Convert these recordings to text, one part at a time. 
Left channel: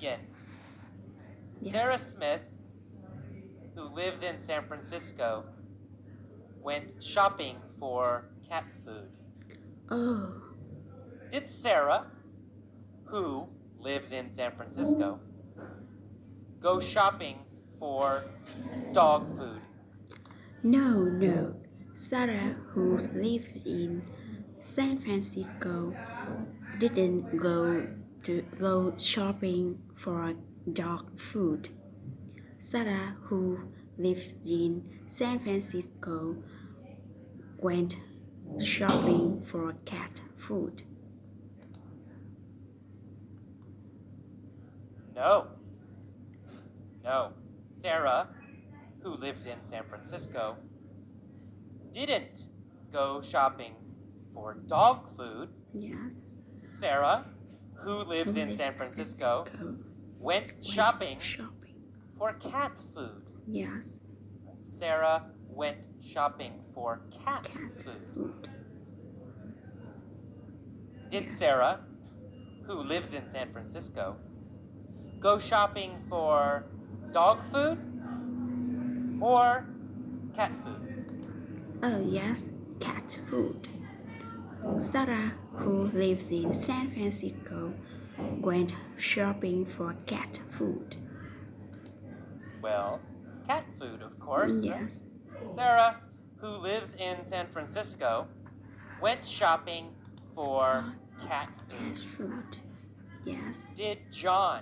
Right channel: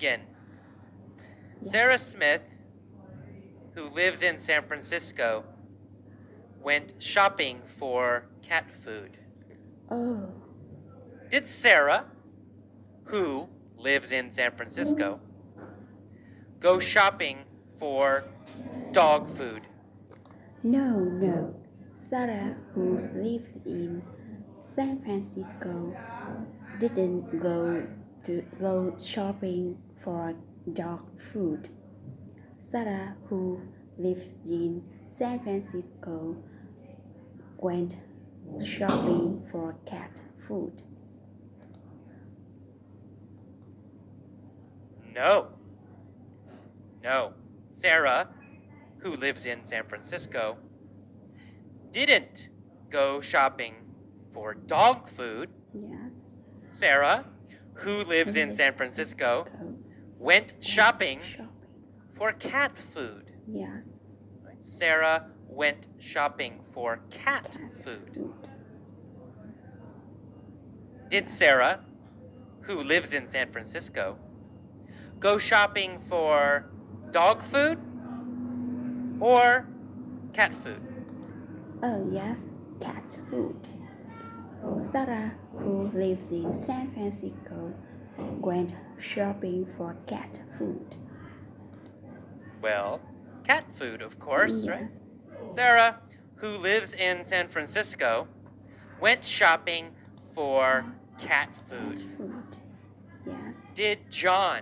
begin. Yes. Sarah Smith, who lives in San Francisco, went shopping for cat food. Oh, Did Sarah, who lives in San Francisco, go shopping for dog food? no. Sarah, who lived in San Francisco, didn't go shopping for dog food. Sarah, who lived in San Francisco, went shopping for cat food. No. Sarah, who lives in San Francisco, didn't go shopping for dog food. Yes. Sarah, who lives in San Francisco, went shopping for cat food. Yes. Sarah went shopping for cat food. Did Sarah, who lives in San Francisco, go shopping for dog food or cat food? Oh, yes, cat food. Sarah, who lives in San Francisco, went shopping for cat food. Well, cat food, of course, Yes. right? Sarah, who lives in San Francisco, went shopping for cat food. Cat food. Yes. Did John,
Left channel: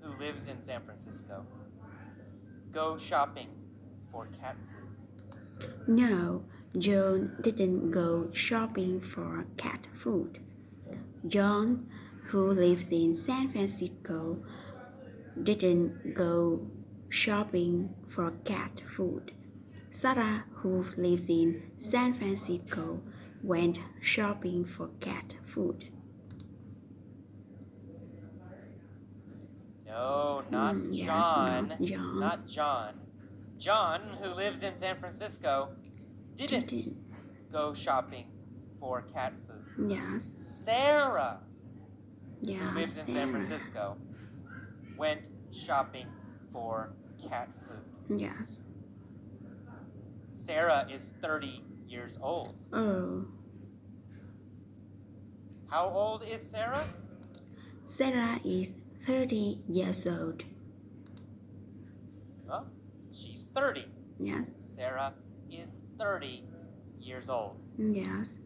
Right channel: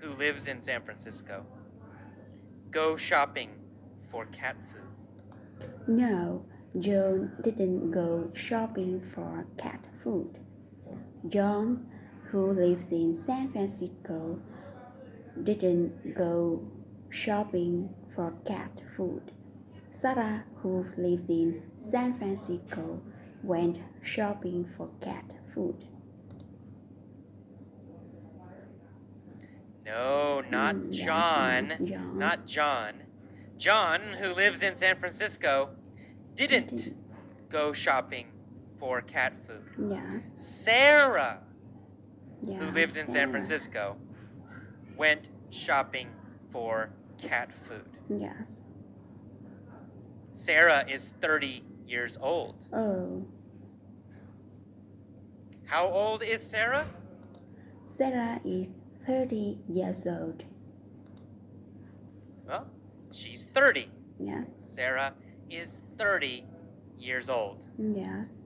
who lives in San Francisco, go shopping for cat food? No, John didn't go shopping for cat food. John, who lives in San Francisco, didn't go shopping for cat food. Sarah, who lives in San Francisco, went shopping for cat food. No, not John. Yes, not John. Not John. John, who lives in San Francisco, didn't go shopping for cat food. Yes. Sarah, Yes, who lives in San Francisco, went shopping for cat food. Yes. Sarah is 30 years old. Oh, How old is Sarah? Sarah is 30 years old. Well, she's 30. Yes. Sarah is 30 years old. Yes.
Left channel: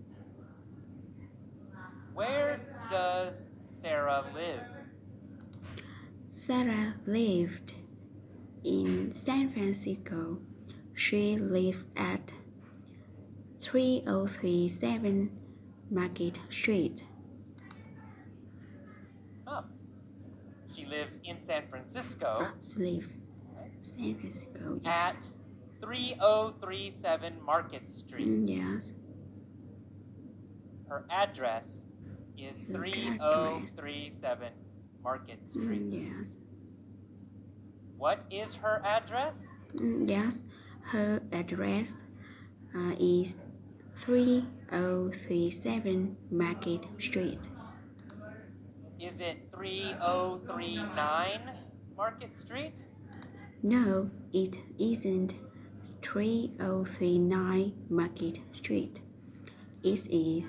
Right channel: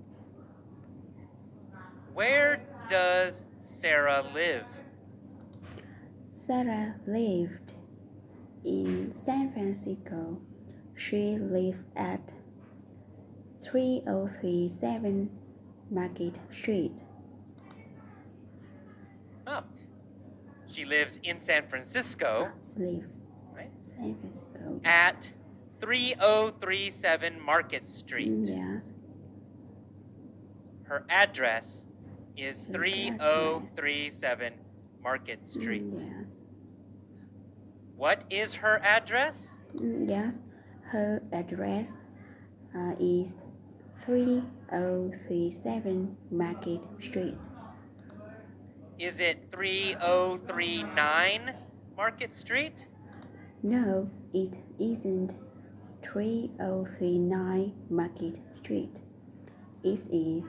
Where does Sarah live? Sarah lived in San Francisco. She lives at 3037 Market Street. Oh, she lives in San Francisco. She lives right? San Francisco. Yes. At 3037 Market Street. Yes. Her address is 3037 Market Street. Yes. What is her address? Yes. Her address is 3037 Market Street. Is it 3039 Market Street? No, it isn't 3039 Market Street. It is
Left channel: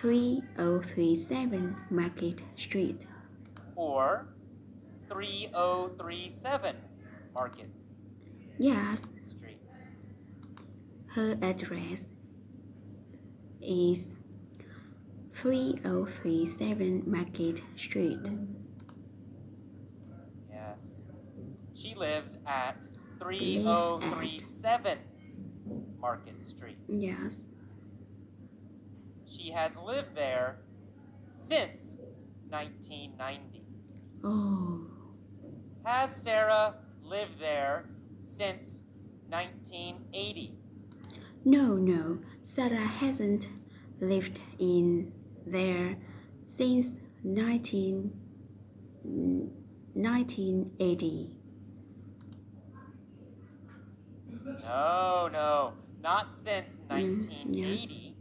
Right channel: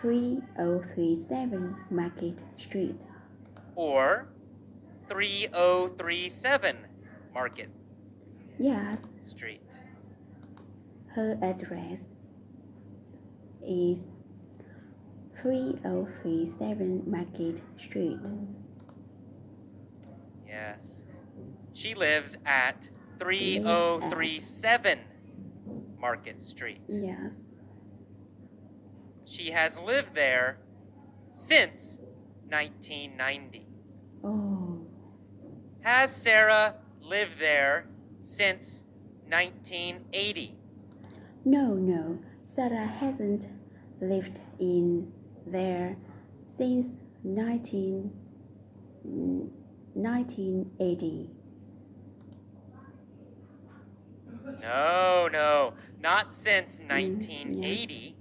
3037 Market Street. Or 3037 Market Yes, Street? her address is 3037 Market Street. Yes. She lives at 3037 Market Street. Yes. She has lived there since 1990. Oh, Has Sarah lived there since 1980? no. Sarah hasn't lived in there since 1980. No, not since 1980.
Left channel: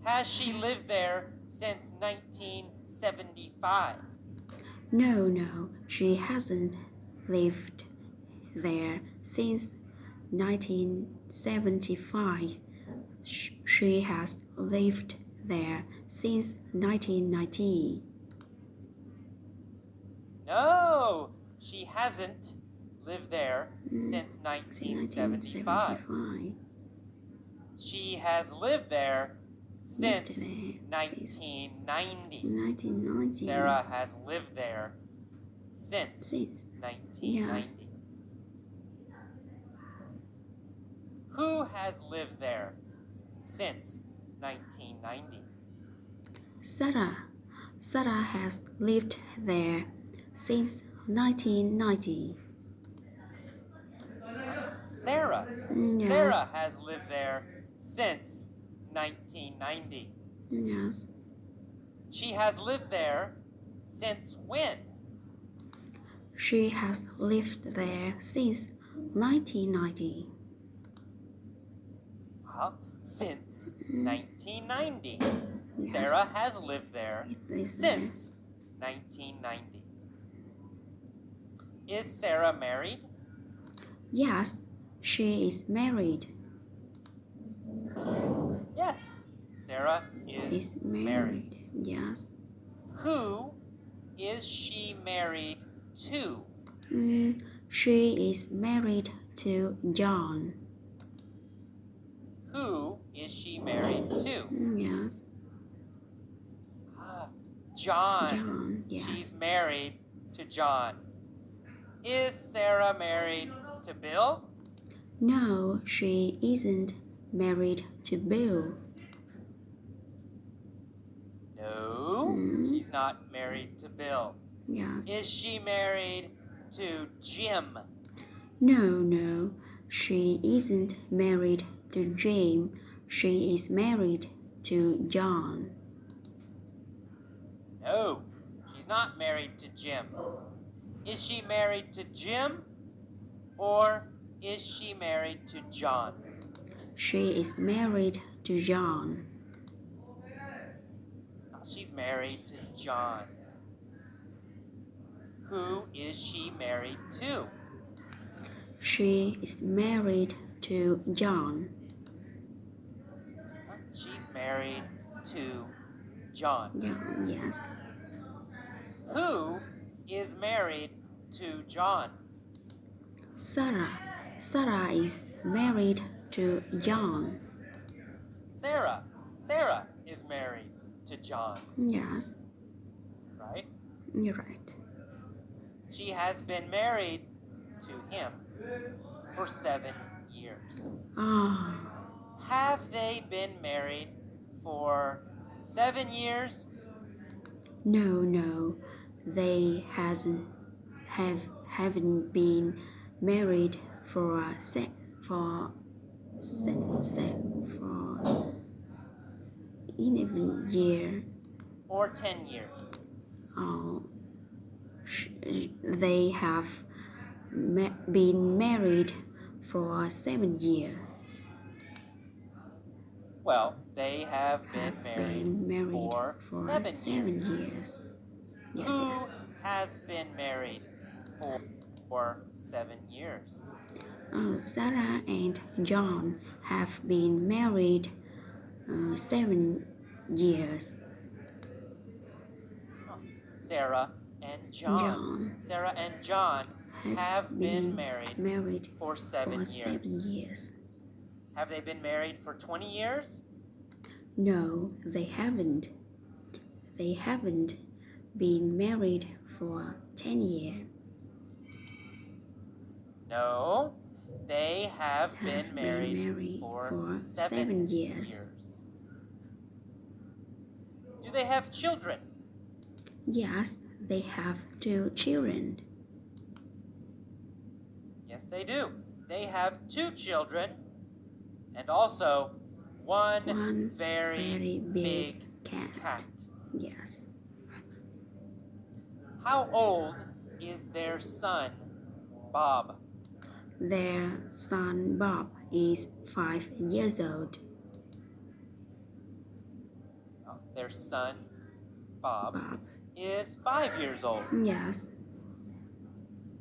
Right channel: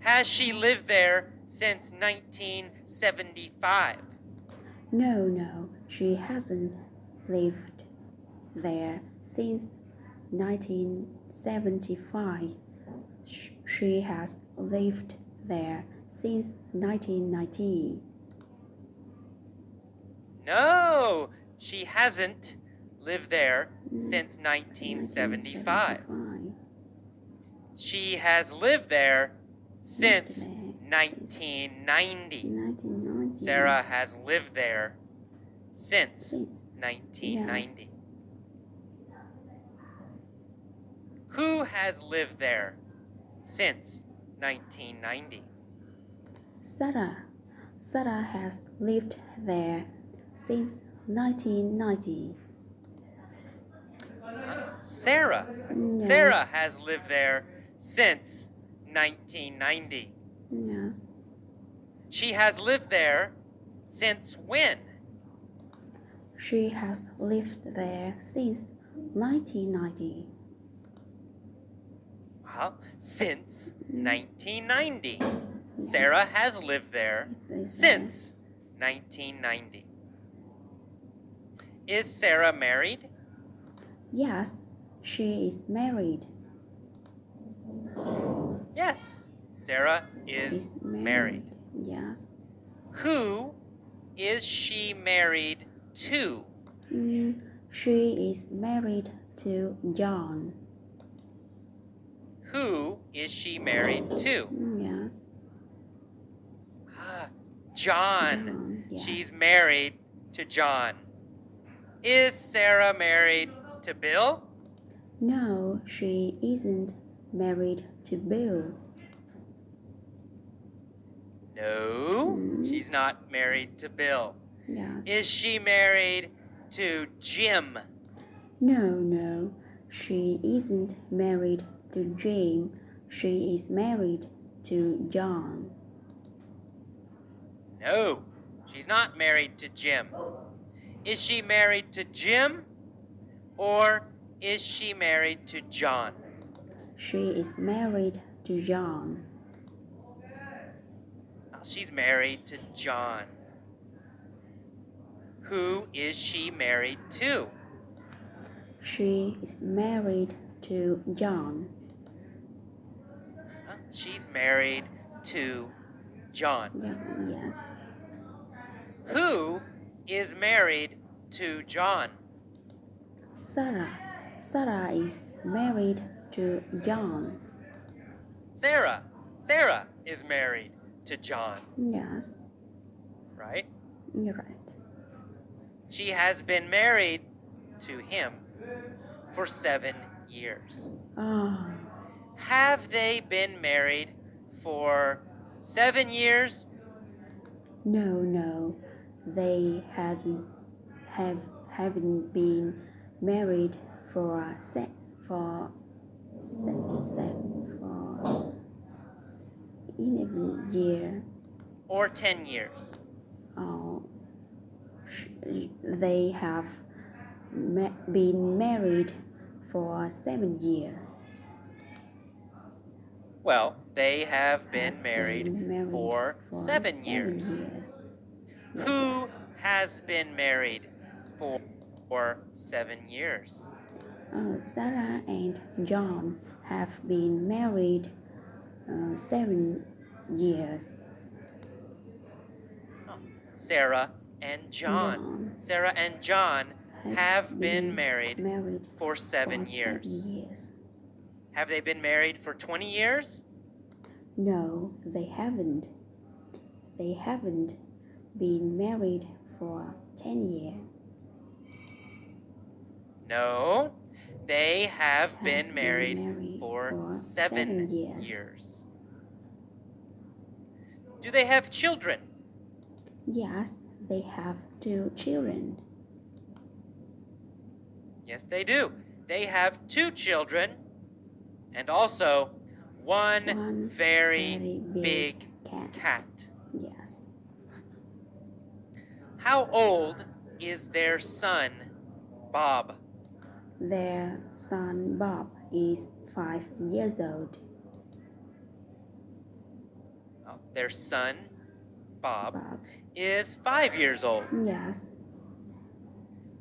Has she lived there since 1975? No, she hasn't lived there since 1975. She has lived there since 1990. No, she hasn't lived there since 1975. 1975. She has lived there since Lived there 1990. 1990. Sarah has lived there since Since 1990. Who has lived there since 1990? Sarah. Sarah has lived there since 1990. Sarah. Yes. Sarah has lived there since 1990. Yes. She has lived there since when? She has lived there since 1990. Well, since 1990. Yes. Sarah has lived there Lived since 1990. Is Sarah married? Yes, she is married. Yes, Sarah is married. Yes. Who is she married to? She is married to John. Who is she married to? Yes. John. Yes. She's married to John. Is Sarah married to Bill? No, she isn't married to Bill. No, she's not married to Bill. Yes. Is she married to Jim? No, she isn't married to Jim. She is married to John. No, she's not married to Jim. Is she married to Jim or is she married to John? She is married to John. She's married to John. Who is she married to? She is married to John. She's married to John. Yes. Who is married to John? Sarah. Sarah is married to John. Sarah. Sarah is married to John. Yes. Right? You're right. She has been married to him for 7 years. Ah. Have they been married for 7 years? No. They haven't been married for 11 years. Or 10 years? They have been married for 7 years. Well, they have been married for 7 years. Yes. Who has been married for 7 years? Sarah and John have been married 7 years. Sarah and John. Sarah and John have been married for 7 years. Have they been married for 20 years? No, they haven't. They haven't been married for 10 years. No, they have been married for 7 years. Do they have children? Yes, they have 2 children. Yes, they do. They have 2 children and also one very big cat. Yes. How old is their son, Bob? Their son Bob is 5 years old. Their son, Bob, is 5 years old. Yes.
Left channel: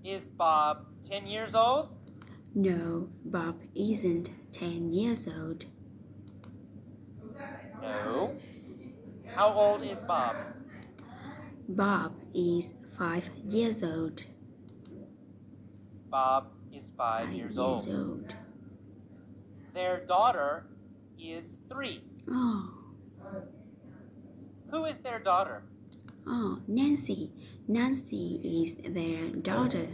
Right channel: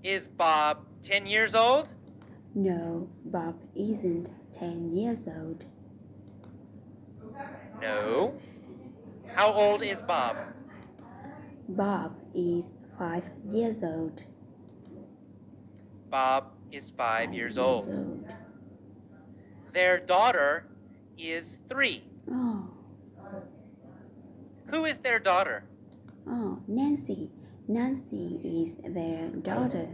Is Bob 10 years old? No, Bob isn't 10 years old. No. How old is Bob? Bob is 5 years old. Bob is 5 5 years years old. old. Their daughter is 3. Oh, Who is their daughter? Nancy. Nancy is their daughter.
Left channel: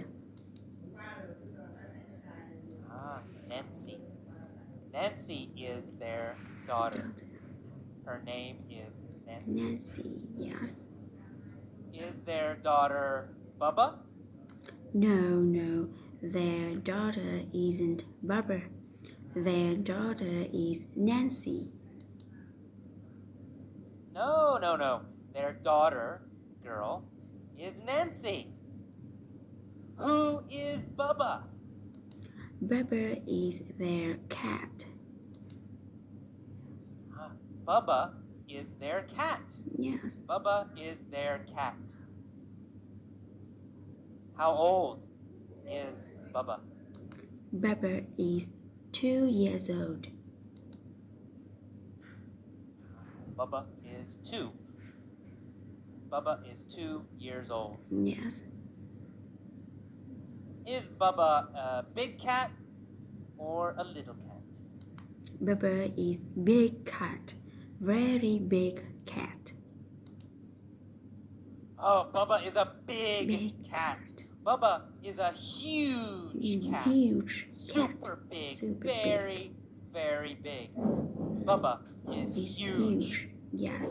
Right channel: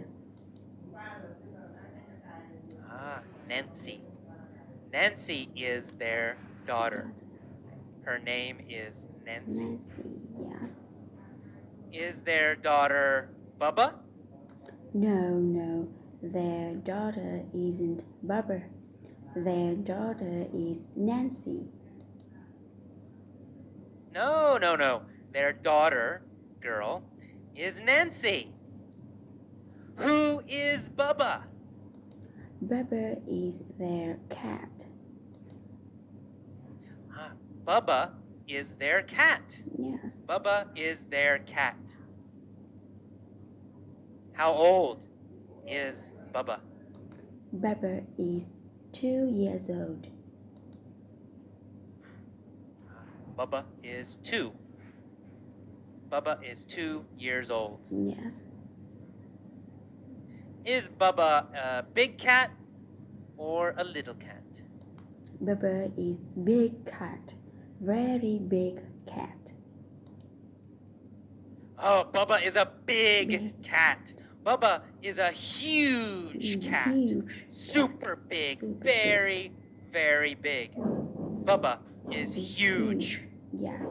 Nancy. Nancy is their daughter. Her name is Nancy. Nancy, yes. Is their daughter Bubba? No, their daughter isn't Bubba. Their daughter is Nancy. No. Their daughter, girl, is Nancy. Who is Bubba? Bubba is their cat. Bubba is their cat. Yes. Bubba is their cat. How old is Bubba? Bubba is 2 years old. Bubba is 2. Bubba is 2 years old. Yes. Is Bubba a big cat or a little cat? Bubba is big cat. Very big cat. Oh, Bubba is a big cat. Bubba is a huge cat. Huge. Super cat. big. Super very, very big. Bubba is huge. Yes.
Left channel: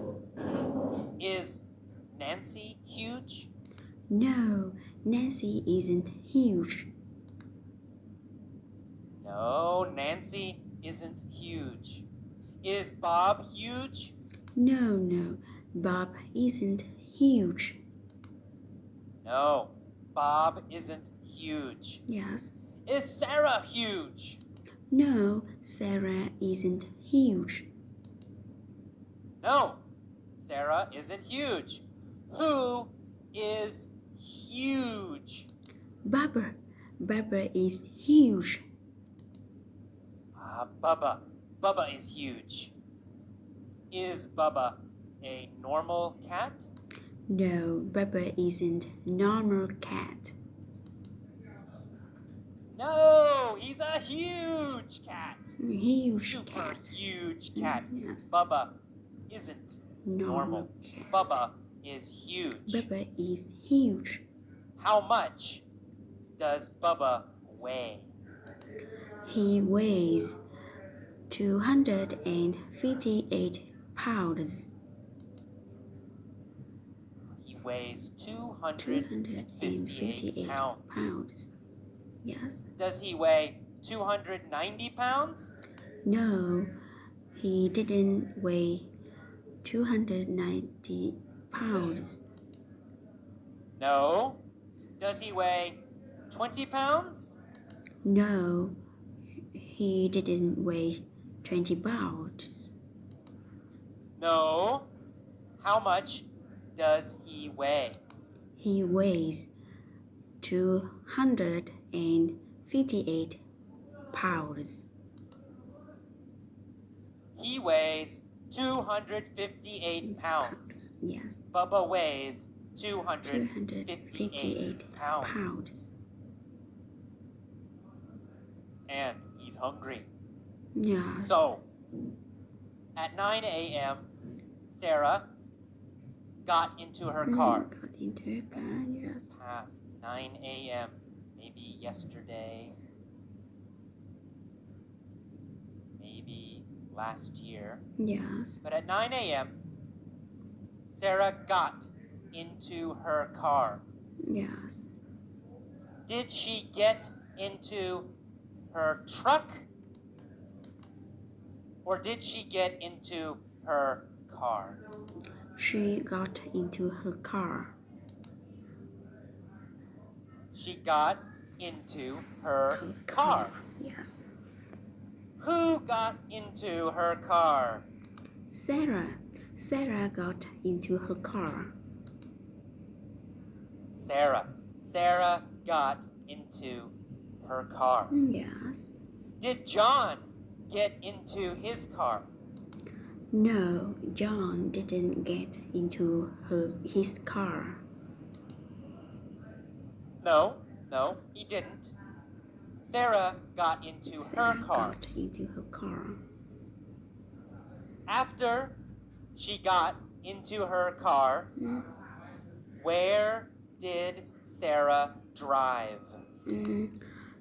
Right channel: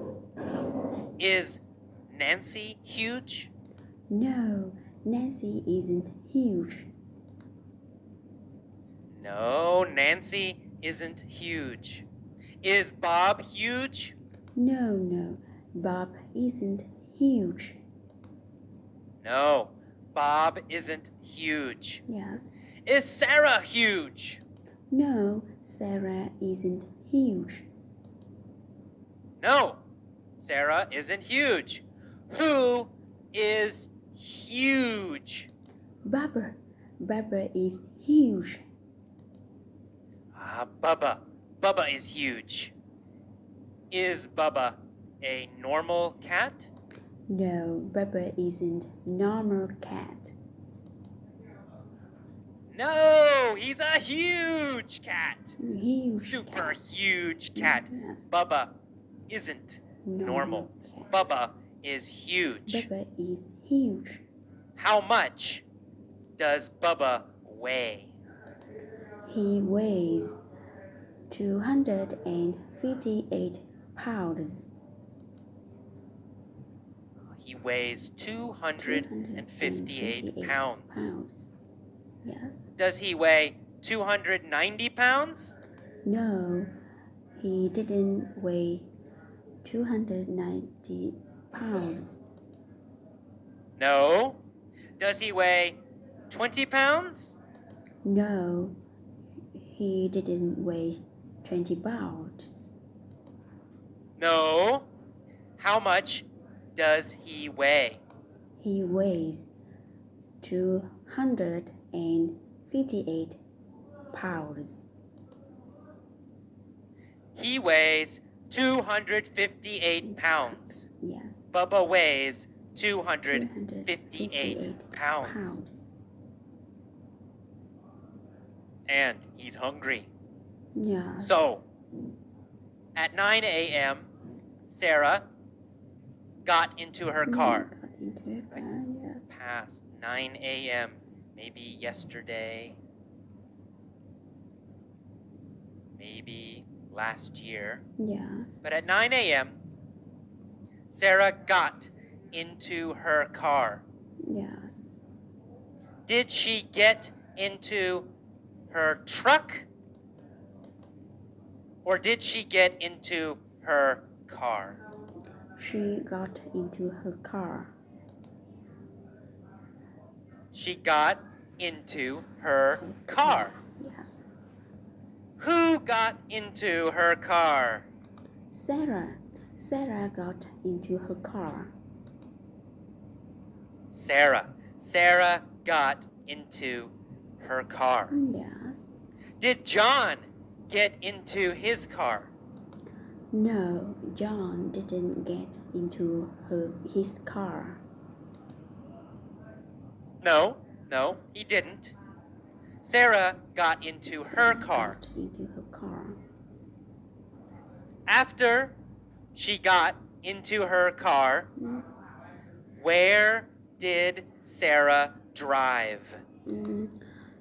Is Nancy huge? No, Nancy isn't huge. No, Nancy isn't huge. Is Bob huge? No, Bob isn't huge. No, Bob isn't huge. Yes. Is Sarah huge? No, Sarah isn't huge. No, Sarah isn't huge. Who is huge? Bubba. Bubba is huge. Bubba. Bubba is huge. Is Bubba a normal cat? No, Bubba isn't normal cat. No, he's a huge cat. Huge Super cat. huge cat. Yes. Bubba isn't normal. Cat. Bubba is huge. Bubba is huge. How much does Bubba weigh? He weighs 258 pounds. He weighs 258 pounds. Yes. Does he weigh 290 pounds? No, he didn't weigh 290 pounds. No. Does he weigh 20 pounds? No, he didn't weigh 20 pounds. No. How much does he weigh? He weighs 258 pounds. He weighs 258 pounds. Yes. Bubba weighs 258 pounds. And he's hungry. Yeah. So, at 9 a.m., Sarah got into her car. Got into her car, yes. Past 9 a.m., maybe yesterday, maybe last year. Yes. But at 9 a.m., Sarah got into her car. Yes. Did she get into her truck? Or did she get into her car? She got into her car. She got into her car. Yes. Who got into her car? Sarah. Sarah got into her car. Sarah. Sarah got into her car. Yes. Did John get into his car? No, John didn't get into his car. No, he didn't. Sarah got into her car. Got into her car. After she got into her car, where did Sarah drive?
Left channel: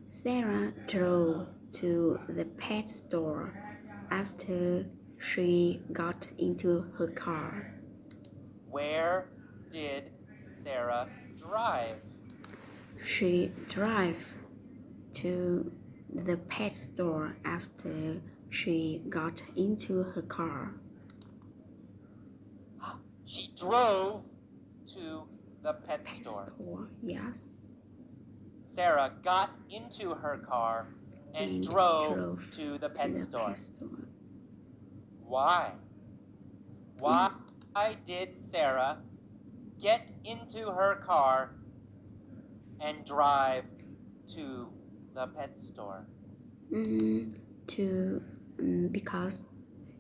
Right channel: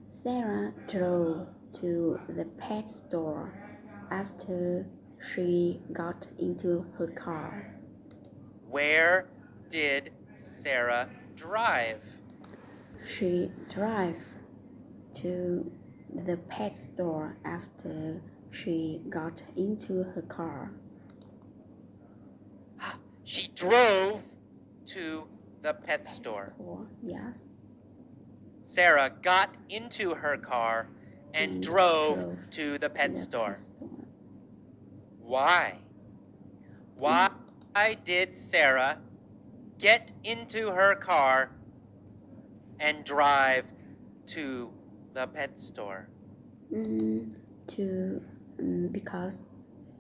Sarah drove to the pet store after she got into her car. Where did Sarah drive? She drove to the pet store after she got into her car. She drove to the pet store. Yes. Sarah got into her car and drove to the pet store. Why? Why did Sarah get into her car and drive to the pet store? Because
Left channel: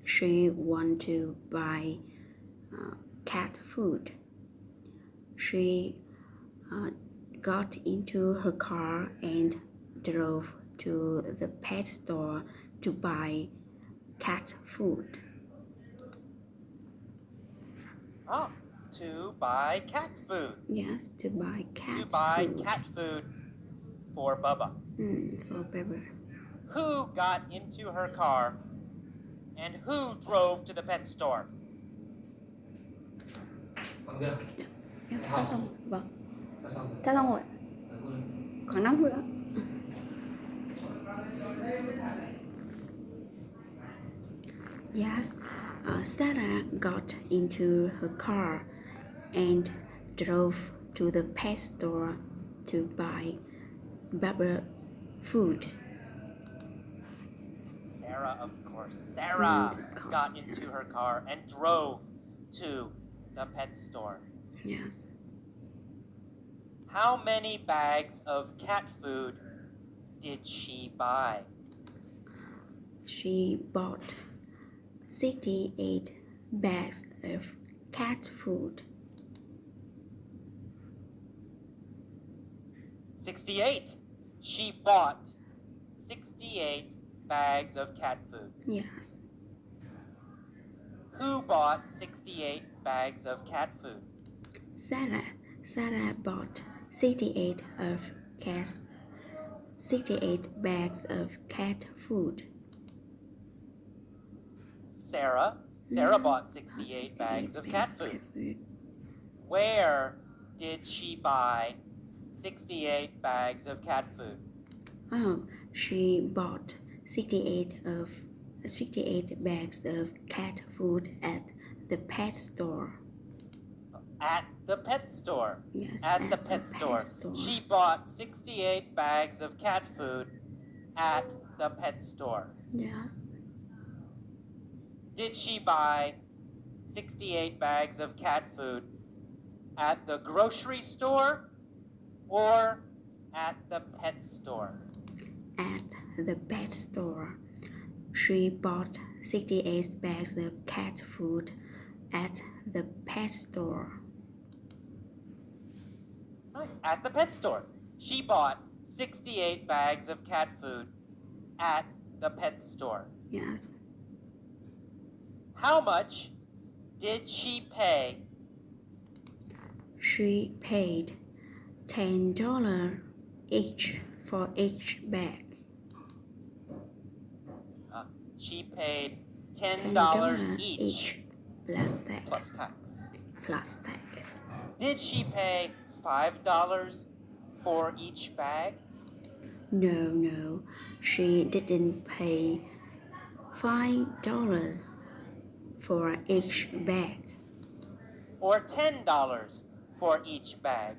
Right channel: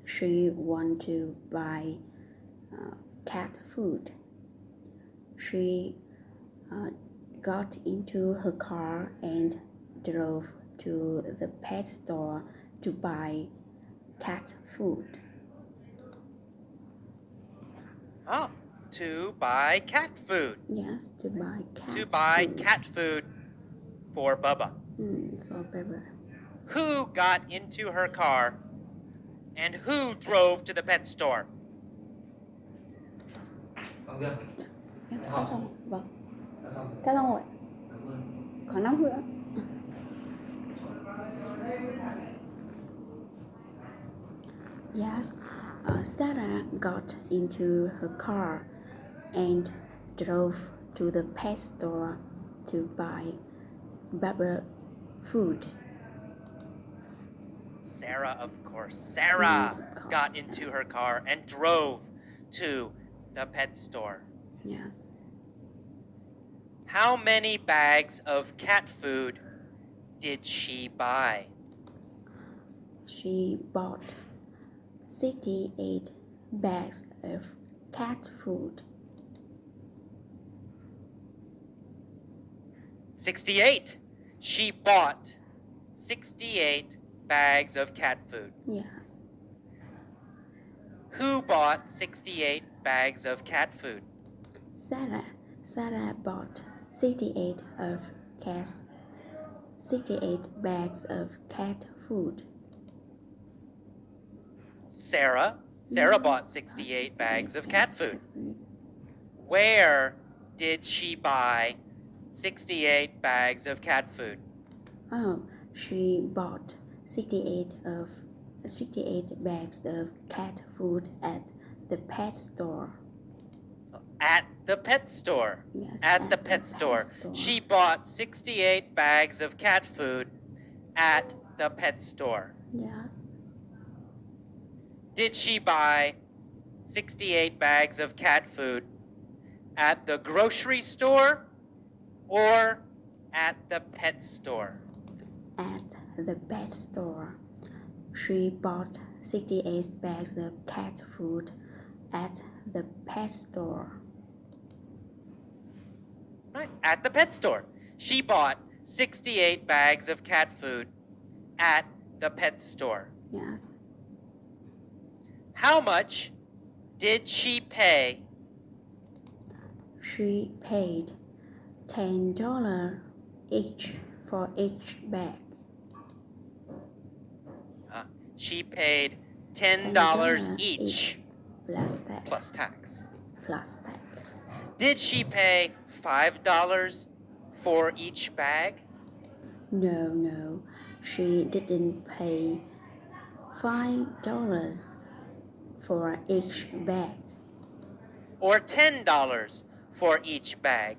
she wanted to buy cat food. She got into her car and drove to the pet store to buy cat food. Oh, to buy cat food. Yes, to buy cat food. To buy cat food for Bubba. For Bubba. Who got into her car and who drove to the pet store? Xong chưa? Sắp xong. Vâng. Đã xong rồi. Sắp xong rồi. Khoảng 5 phút nữa. Yes, Sarah got into her car and drove to the pet store to buy Bubba food. Sarah, of course. Sarah got into her car and drove to the pet store. Yes. How many bags of cat food did she buy? She bought 68 bags of cat food. 68. She bought 68 bags of cat food. Yes. Who bought 68 bags of cat food? Sarah bought 68 bags of cat food. Sarah bought 68 bags of cat food. Where did she buy 68 bags of cat food? Oh, she bought 68 bags of cat food at the pet store. At the pet store. Yes, at the pet store. She bought 68 bags of cat food at the pet store. Yes. Did she buy 68 bags of cat food at the grocery store or at the pet store? At the pet store. She bought 68 bags of cat food at the pet store. Right, at the pet store. She bought 68 bags of cat food at the pet store. Yes. How much did she pay? She paid $10 each for each bag. She paid $10 each. Plus tax. Plus tax. Plus tax. Did she pay $5 for each bag? No. She didn't pay $5 for each bag. Or $10 for each bag?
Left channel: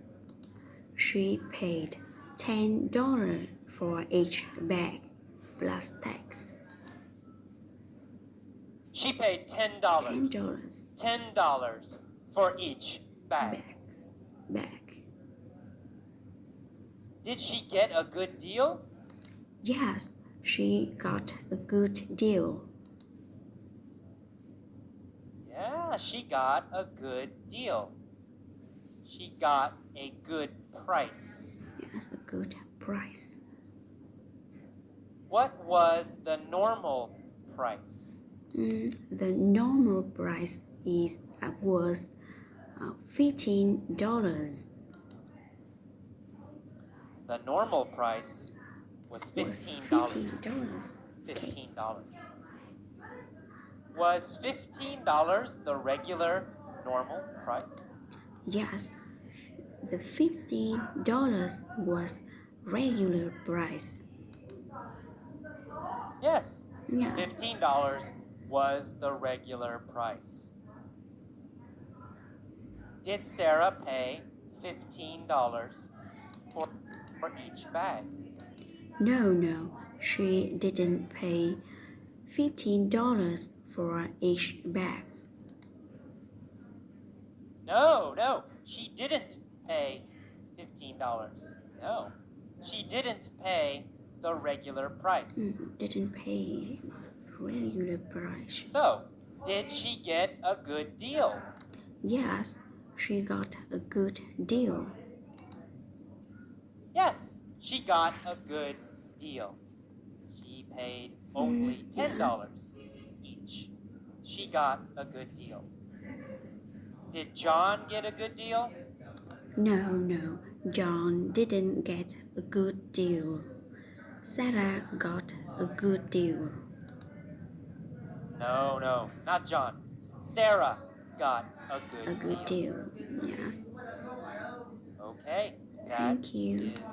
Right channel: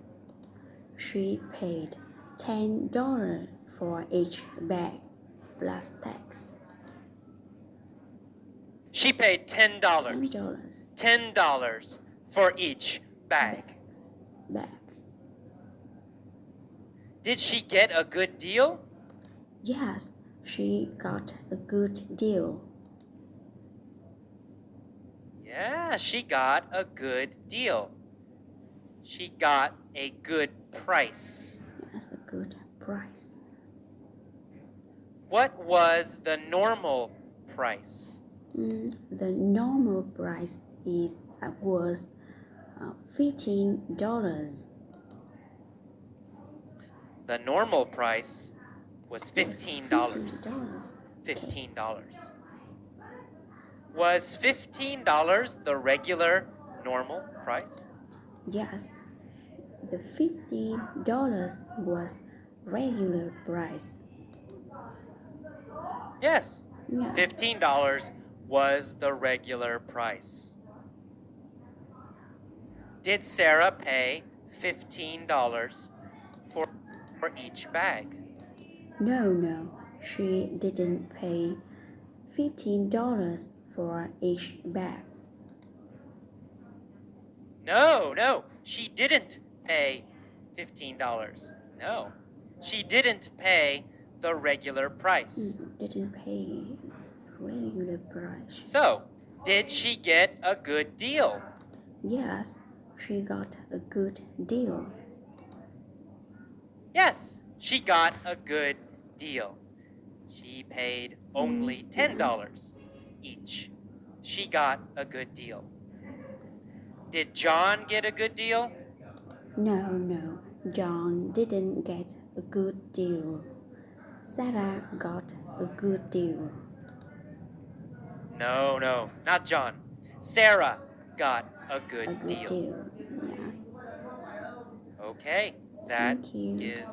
She paid $10 for each bag plus tax. She paid $10. $10 $10 for each bag. bag. Did she get a good deal? Yes, she got a good deal. Yeah, she got a good deal. She got a good price. Yes, a good price. What was the normal price? The normal price was $15. The normal price was $15. Okay. $15. Was $15 the regular normal price? Yes, the $50 was regular price. Yes. Yes. $15 was the regular price. Did Sarah pay $15 for each bag? No, she didn't pay $15 for each bag. No, she didn't pay $15. No, she didn't pay the regular price. Didn't pay regular price. So, did she get a good deal? Yes, she got a good deal. Yes, she got a good deal. She paid only $10 each. She got a good deal. Did John get a good deal? No, John didn't get a good deal. Sarah got a good deal. No, not John. Sarah got a good deal. Yes. Okay, that Thank you. is